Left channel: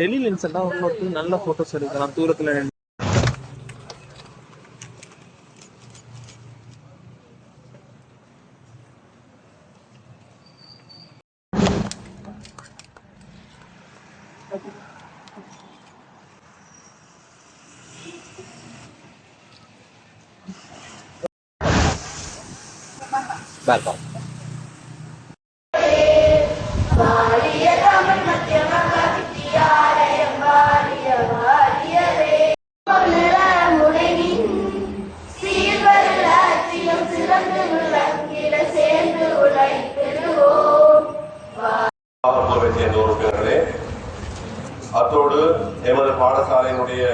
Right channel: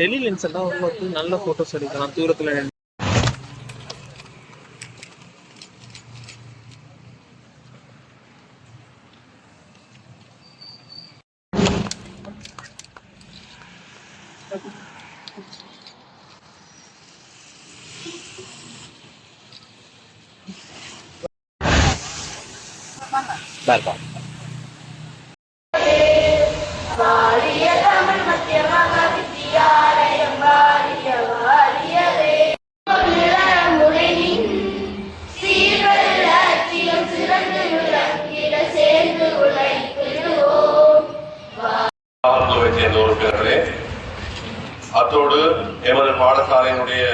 டெலி lens தான் உங்களுக்கு நல்ல ஃபோட்டோஸ் எடுக்கலாம் தூரத்தில் Bye-bye. அத்தோடு எமது பாடசாலையினுடைய